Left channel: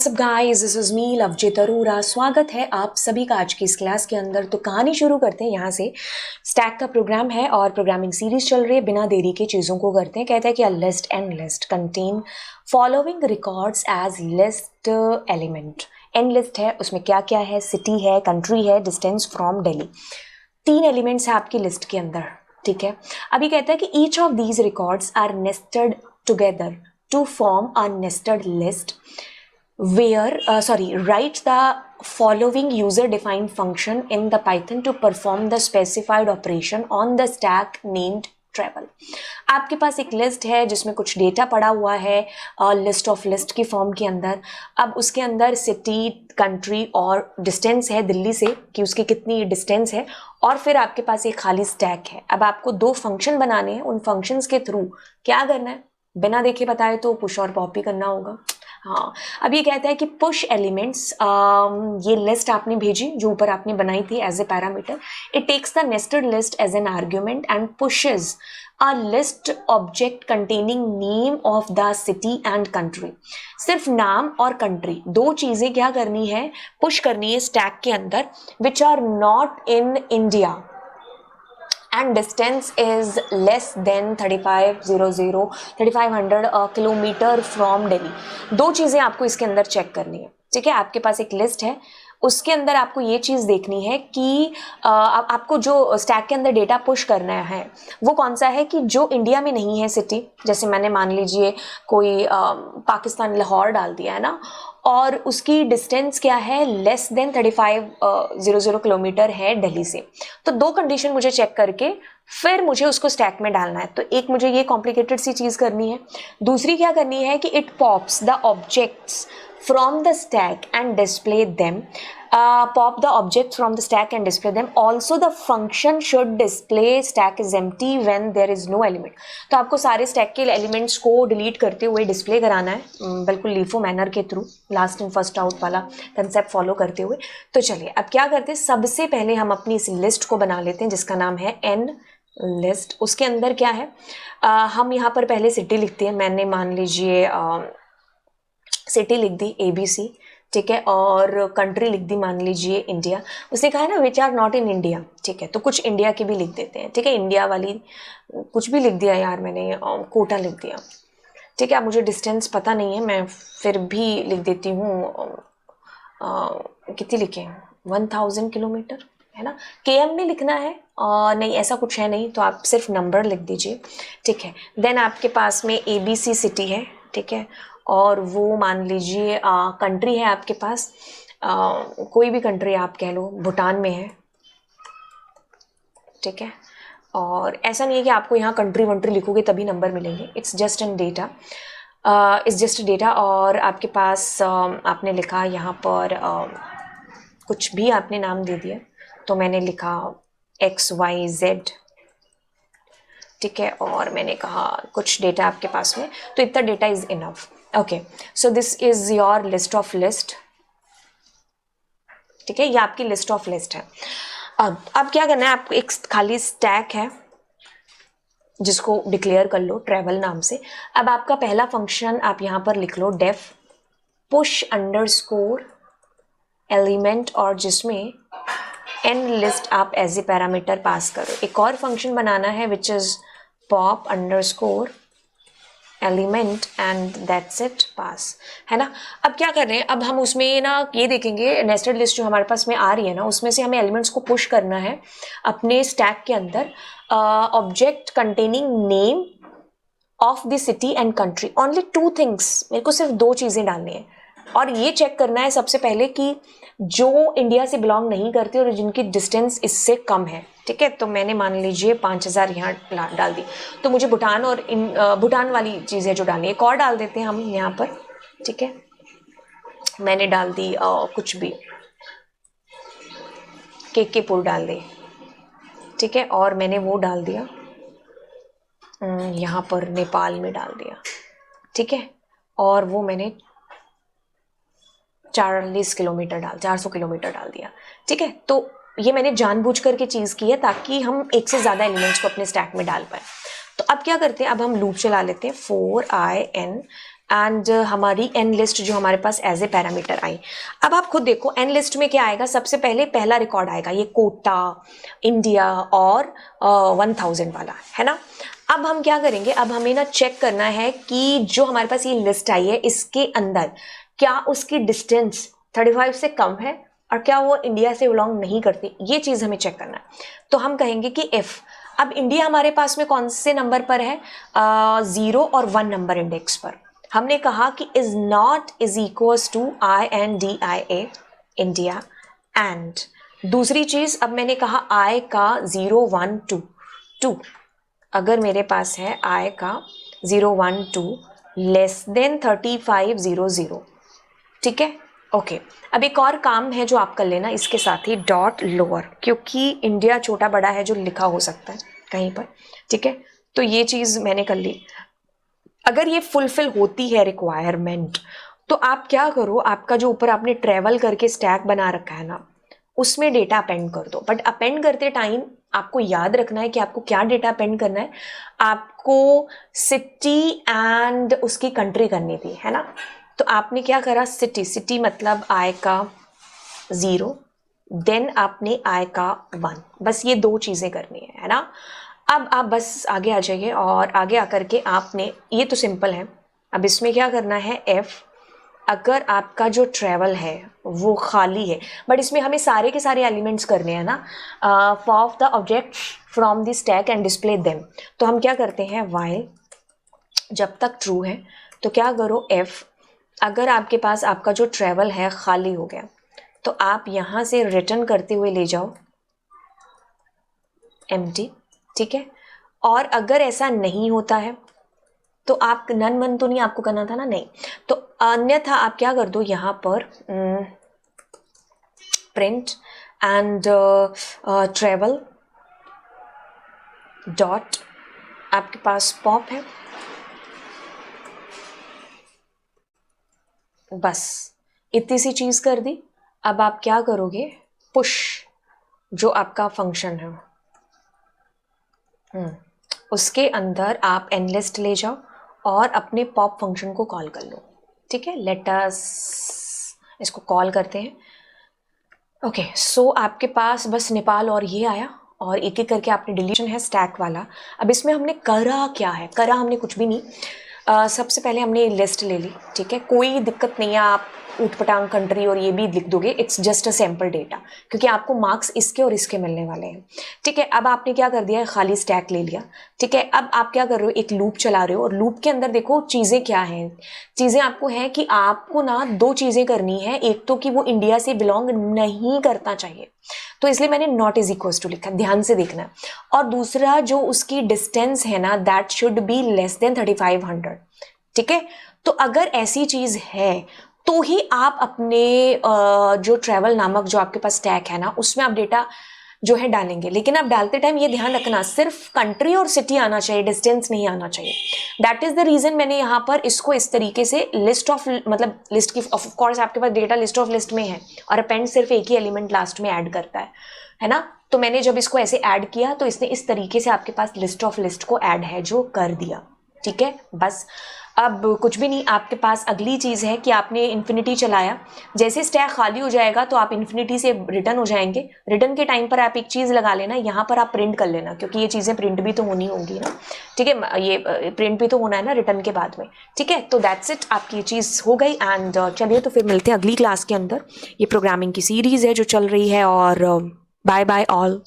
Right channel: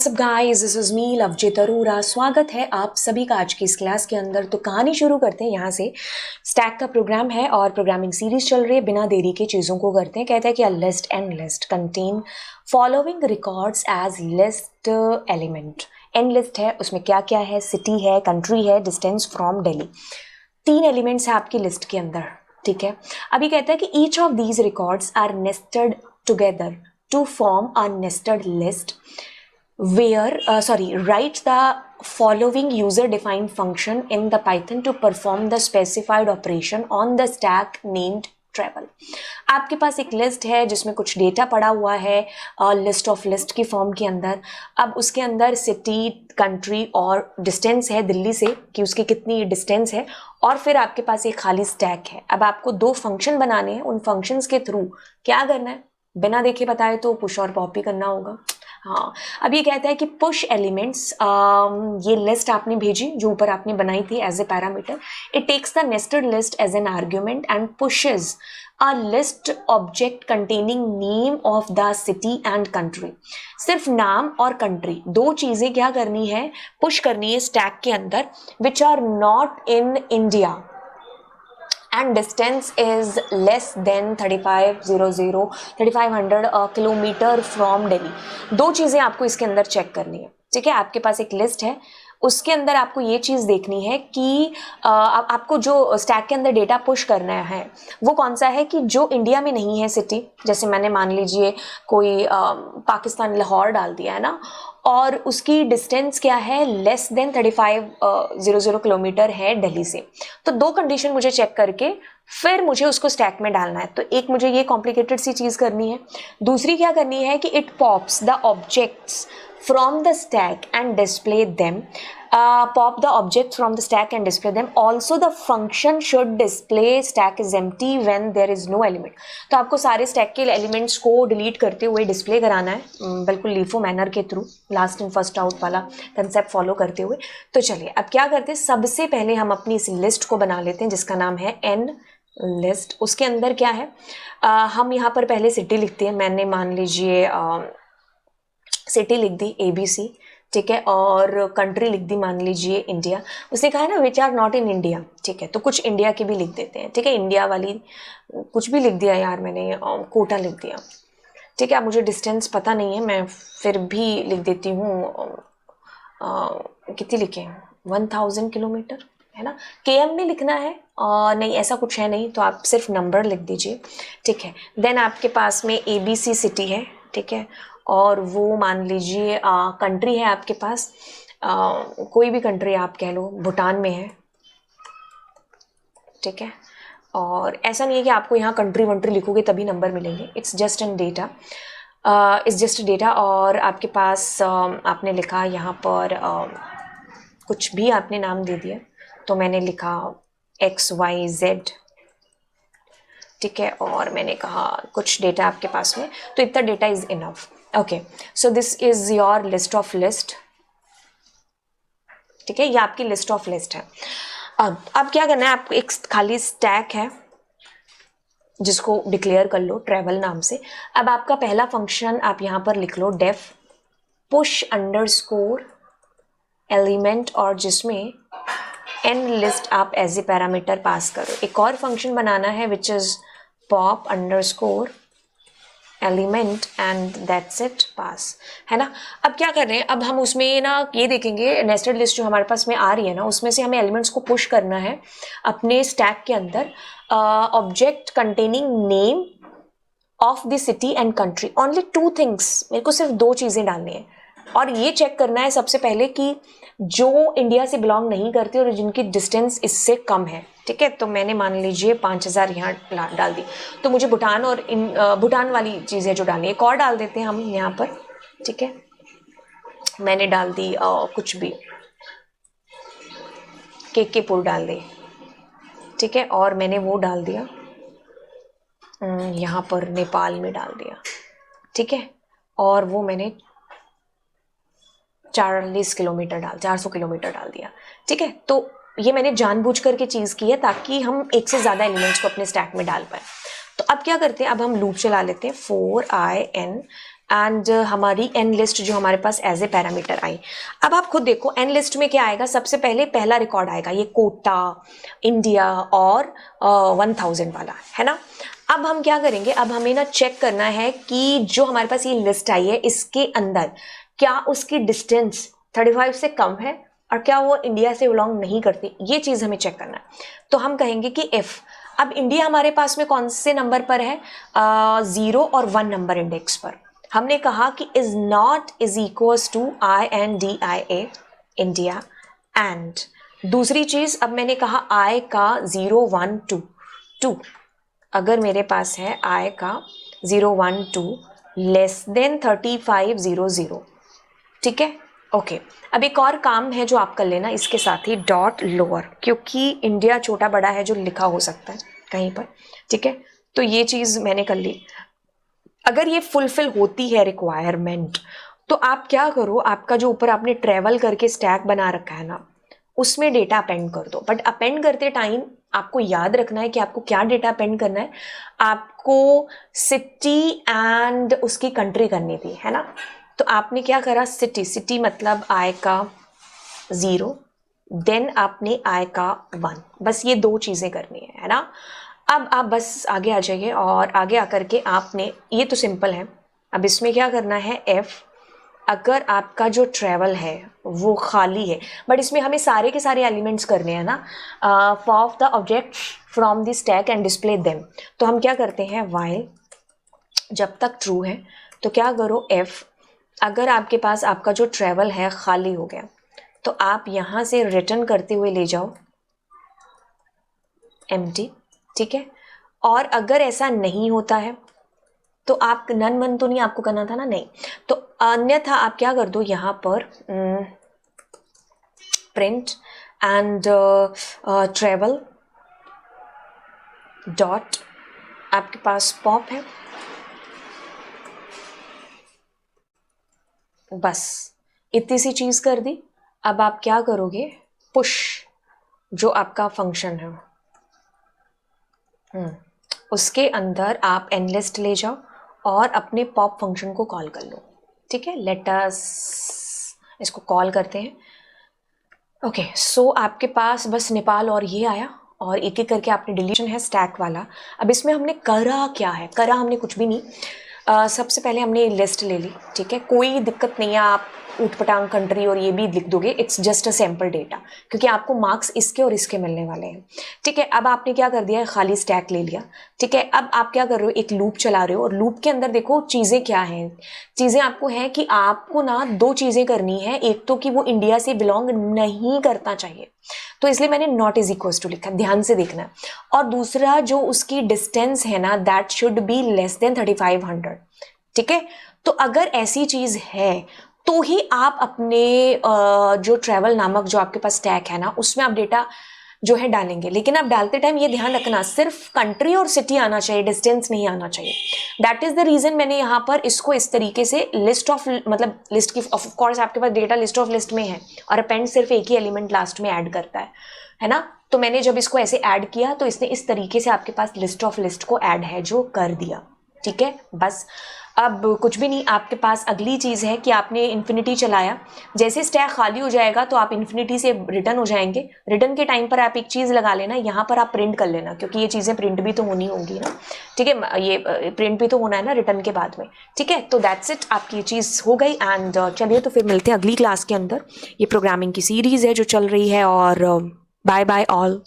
सब guys, this is me Lovejeet Arora. स्वागत है आप सभी का आज की इस क्लास के अंदर। तो कहानी शुरू करते हैं यहाँ से। स्टैक का प्रोग्राम है और प्रोग्रामिंग सीरीज चल रही है। बिना देरी के चीज़ों को करते हैं। कहता है कि a list and list contain following records as list element. And list है, उसमें क्या क्या है, सिटी है, कंट्री है, डिस्टेंस फ्रॉम दिल्ली। 3 एलिमेंट्स है आपकी लिस्ट के अंदर। ठीक है, अभी कहता है कि each of these records are nested together to form a nested list write the following user defined function in the Python to perform the specified operation on the stack named travel। आपके पास एक list है जिसमें कुछ data पड़ा हुआ है list of list की form के अंदर। अब उसके अंदर सिटी, कंट्री और डिस्टेंस है दिल्ली से कि उसकी कितनी डिस्टेंस है, और फिर आपके पास एक खाली स्टैक है। अब आपको 2 फंक्शन बनाने हैं। उन फंक्शंस के थ्रू क्या करना है, बिना देखे बताए तो पुश और पॉप ही करना होगा। हाँ, अब ये कहता है कि पुश एलिमेंट्स, ये लिस्ट आपने भेजी जो ऊपर आपने बनाई थी as a parameter. It takes the nested list as an argument and pushes a list object containing name of the city and country. सिर्फ नाम और कंट्री, 2 चीजें क्या करनी है, पुश करनी है स्टैक के अंदर, which are not in India and distance is less than 3500 kilometre from Delhi. 2 चीज़ें आपको इसके अंदर चेक करनी है। ठीक है, आपके पास एक लिस्ट है, उसके अंदर आपको ये चीज़ देखनी है कि आपको जो स्टैक के अंदर डेटा पुश करना है वो कौन सा है कि जो इंडिया में नहीं है सिटी। जैसे मैंने मान लीजिए कोई पाकिस्तान लाहौर डाल दिया है ना, और उसकी डिस्टेंस क्या है, लेस देन 3500 किलोमीटर है दिल्ली से। तो 2 कंडीशन मुझे चेक करके फिर मुझे उसको स्टैक में डालना है। तो एक मुझे ये कॉम्प्लिकेटेड सी चीज़ करनी है। दूसरी क्या करनी है कि it pops the objects from the stack and display them। Pop the object from the stack and display them। Also the function should display stack is empty when there is no element। तो आपको सारे stack के elements को delete करते हुए display कराना है, बिल्कुल लीफो मैनर के through, last in first out वाला कंसेप्ट फॉलो करते हुए। तो चलिए अब क्या करते हैं, सबसे पहले हम अपनी इस लिस्ट को बना लेते हैं जिसका नाम है एन लिस्ट। उसके अंदर क्या है, हम यहाँ पर पहले सिटी लिखते हैं। मैंने मान लीजिए सिटी लिख दी ABC, ठीक है, और कंट्री लिख दी मान लीजिए इंडिया। उसने कहा है ना which are not in India, ठीक है, तो कुछ इंडिया की भी लिख देते हैं। ठीक है, इंडिया वाली कुछ भी लिख दिया यार मैंने, कोटा लिख दिया। ठीक है, अब मुझे डिस्टेंस पता नहीं है, मैं फिर भी लिख देती हूँ, कितनी लिखे, 1000 किलोमीटर है ना। KM में लिखना है, नहीं ऐसा कुछ है नहीं, तो आप सिर्फ नंबर लिख दीजिए। ठीक है, देन आपके पास में ABC सिटी है, ठीक है, और वो मान लीजिए कंट्री है आपके पास, कोई भी कंट्री आप कह लो, भूटान में है। ठीक है, और ऐसा नहीं है कि आपको यहाँ कंट्री वंट्री लिखोगे तभी नंबर मिलेंगे। It's just an data, it's just data. और आपके पास आपने लिखा यहाँ पर कुछ भी आपने नाम दे दिया, तो मैंने लिखा XYZ। ठीक है, और मैंने कहा कुछ डेटा आपके पास में, तो इतना data is enough. Okay, so this is your list of list. ठीक है, ये आपकी लिस्ट ऑफ लिस्ट है। अब क्या करना है, आप एक खाली स्टैक है जिसको डिक्लेयर कर लो ट्रैवल नाम से। अब आपका पहला फंक्शन आप यहाँ पर लिख लो डेफ पुश अंडरस्कोर एलिमेंट, और जिसमें एन लिस्ट आप एज ए पैरामीटर पास करो। एक और फंक्शन बनाना है which is pop underscore element and that's it, pass, है ना। अब क्या कर रहे हैं, अब हम उसमें ना ये देखेंगे नेस्टेड लिस्ट जो हमारे पास में आ रही है ना, उसमें से हमें एलिमेंट्स को पुश करना है अपने स्टैक के अंदर। Object containing name of the city and country, only 2 things, मेरे को सिर्फ 2 चीज़ें डालनी है। और ये चेक करना है सबसे पहले कि जो इंडिया से बिलोंग नहीं करते और जिनकी डिस्टेंस इससे कम है। ठीक है, तो मैंने मान लीजिए 5000 है, तो मुझे भूटान वाली चीज़ें जो है एक और डाल देते हैं। ठीक है, मैंने डाल दी कुछ भी के पुल डाल दी। ठीक है, और मैंने वो डाल दिया यहाँ पर नेपाल में डाल दिया। ठीक है, और वो मैंने 400 किलोमीटर डाल दिया। ठीक है, तो ये मैंने जानबूझ करके चीज़ की है ताकि हम एक से ज़्यादा एलिमेंट्स को अपने स्टैक में डाल पाए। तो अब क्या करते हैं, अब हम लूप चला लेते हैं 4 i n एंड हमारी एन लिस्ट जो हमारे पास एज ए पैरामीटर आई। अब आप खुद देखो एन लिस्ट में क्या आएगा, सबसे पहले पहला रिकॉर्ड आएगा ये कोटा, इंडिया और 1000 वाला, है ना। अब हम क्या करेंगे, अब हमें ना चेक करना है कि जो हमारे पास ये लिस्ट आई है इसके अंदर क्या उसकी डिस्टेंस 35 से कम है और क्या वो इंडिया से बिलोंग नहीं करती, ये चीज हमें चेक करना है। तो हम कहेंगे कि इफ, अब इंडिया हमारे पास में कौन से नंबर पर है, 0 और 1 नंबर इंडेक्स पर। हमने कहा कि is not is equals to INDIA India. And दूसरी चीज, अब मैंने कहा आई का 0 1 2 2, अगर मेरे पास है आई का 0 1 2 लेस देन 3500, ठीक है, ओके। अब एक और काम है जो आप कर लेना इसके साथ ही, डॉट लोअर, क्योंकि इंडिया छोटा बड़ा है जो लिखा हो सकता है कहीं पर, ठीक है। तो ये चीज मैंने कर ली। अगर ये फुलफिल होती है रिक्वायरमेंट तो आप क्या करो, आपका जो ऊपर आपने ट्रेवल करके स्टैक बना रखा है उसमें डेटा अपेंड कर दो। बट अपेंड करते टाइम आपको याद रखना है कि आपको क्या डेटा अपेंड करना है, आपको सिटी एंड उसकी कंट्री करनी थी, है ना। तो आपने क्या करा, सिटी, सिटी मतलब आई का 0, देन आपने आई का 1, बस ये दो चीजें करनी है ना। अब आप बस आगे आ जाइए और आगे आकर के आपने, ये तो सिंपल है, अब इसमें क्या करना है, एफ, अगर आपका जो ट्रेवल है वो खाली है, बट इसमें हमें सारे के सारे एलिमेंट्स करने हैं ना, of the object from the stack and display them. तो हम क्या करते हैं, व्हाइल जब तक ट्रू है तो क्या करो, एफ, अगर आपके पास आपका जो ट्रेवल है खाली हो गया तो आप यहाँ से रिटर्न करते हुए ले जाओ एम्प्टी, ठीक है। और अगर ऐसा नहीं होता है तो आप नन मन तो नहीं आपको करना था ना, नहीं, तो अन्यथा आप क्या कर दो, यहाँ पर प्रिंट एंड ट्रेवल डॉट, आपके पास पॉप है, बस इतनी सी चीज कर दी। अब आप क्या करोगे, पुश जो आपका फंक्शन है उसके अंदर आप एनलिस्ट ले जाओ और अपने पॉप फंक्शन को कॉल कर लो, ठीक है। लेट अस इसको कॉल करते हैं, ओके। सो आपके पास बस नेपाल और ये आया और एक एक करके आपने डिलीशन है स्टैक वाला। अब इसमें हमने करा क्या है, करा हमने कुछ भी नहीं, सबसे पहले हमने लिस्ट ले ली, ठीक है, कोई दिक्कत नहीं है, आप ऊटपटांग कंट्री और ये भी लिख दोगे, it's just a sample data, क्योंकि आपको मार्क्स इसके और इसके मिलने वाले हैं, ठीक है। अब आपने क्या कर दिया, खाली स्टैक ले लिया, ठीक है। अब आप क्या कर रहे हो, एक लूप चला रहे हो और लूप के अंदर देखो चीज़ें क्या हैं, चीज़ें आपको है कि आपको ना दो चीज़ें करनी है, एक तो कि वो इंडिया से बिलोंग नहीं करना चाहिए, तो इसलिए मैंने नॉट इज इक्वल्स टू लिखा, ध्यान से देखना है। और दूसरा जो उसकी डिस्टेंस है ना, that should be less than 3500, ठीक है। तो अगर ऐसी चीज है तो ही आप अपने जो ट्रैवल नामक जो आपके पास स्टैक है ना उसमें आप डेटा जो है डालेंगे, लेकिन आप डालते टाइम ये ध्यान रखना सिर्फ कंट्री और सिटी आना चाहिए, डिस्टेंस नहीं आना चाहिए। दैट इज द रीजन मैंने यहाँ पर इसको इस तरीके से लिस्ट ऑफ, मतलब लिस्ट की, ऑफ कोर्स आपके पास डेटा लिस्ट ऑफ लिस्ट में है और अपेंड सिर्फ एक ही एलिमेंट लास्ट में ऐड करता है ना। तो मैंने जब इसको ऐसे ऐड किया तो इसने इस तरीके से आपके पास लिस्ट ऑफ लिस्ट को ऐड है जो कर दिया, ठीक है। बस अब कुछ भी नहीं, आपके पास अगली चीज़ है कि आपने इन्फिनिटी चलाया, जैसे स्टैक खाली हो जाएगा तो आप इन्फिनिटी से रिटर्न हो जाएंगे, रिटर्न के टाइम पर आप एक चीज़ लगा लेना, यहाँ पर आप प्रिंट कर लेना, क्योंकि ये चीज़ें प्रिंट भी तो होनी होंगी ना, ठीक है, ये प्रिंट भी तो होना है ना रिटर्न के बाद में, ठीक है। तो दैट्स इट, आपकी ये चीज़ हो गई। एंड चलिए तो फिर मिलते हैं अगली क्लास के अंदर, ये प्रोग्रामिंग की सीरीज़ है जो चल रही है, और बाय बाय ऑल।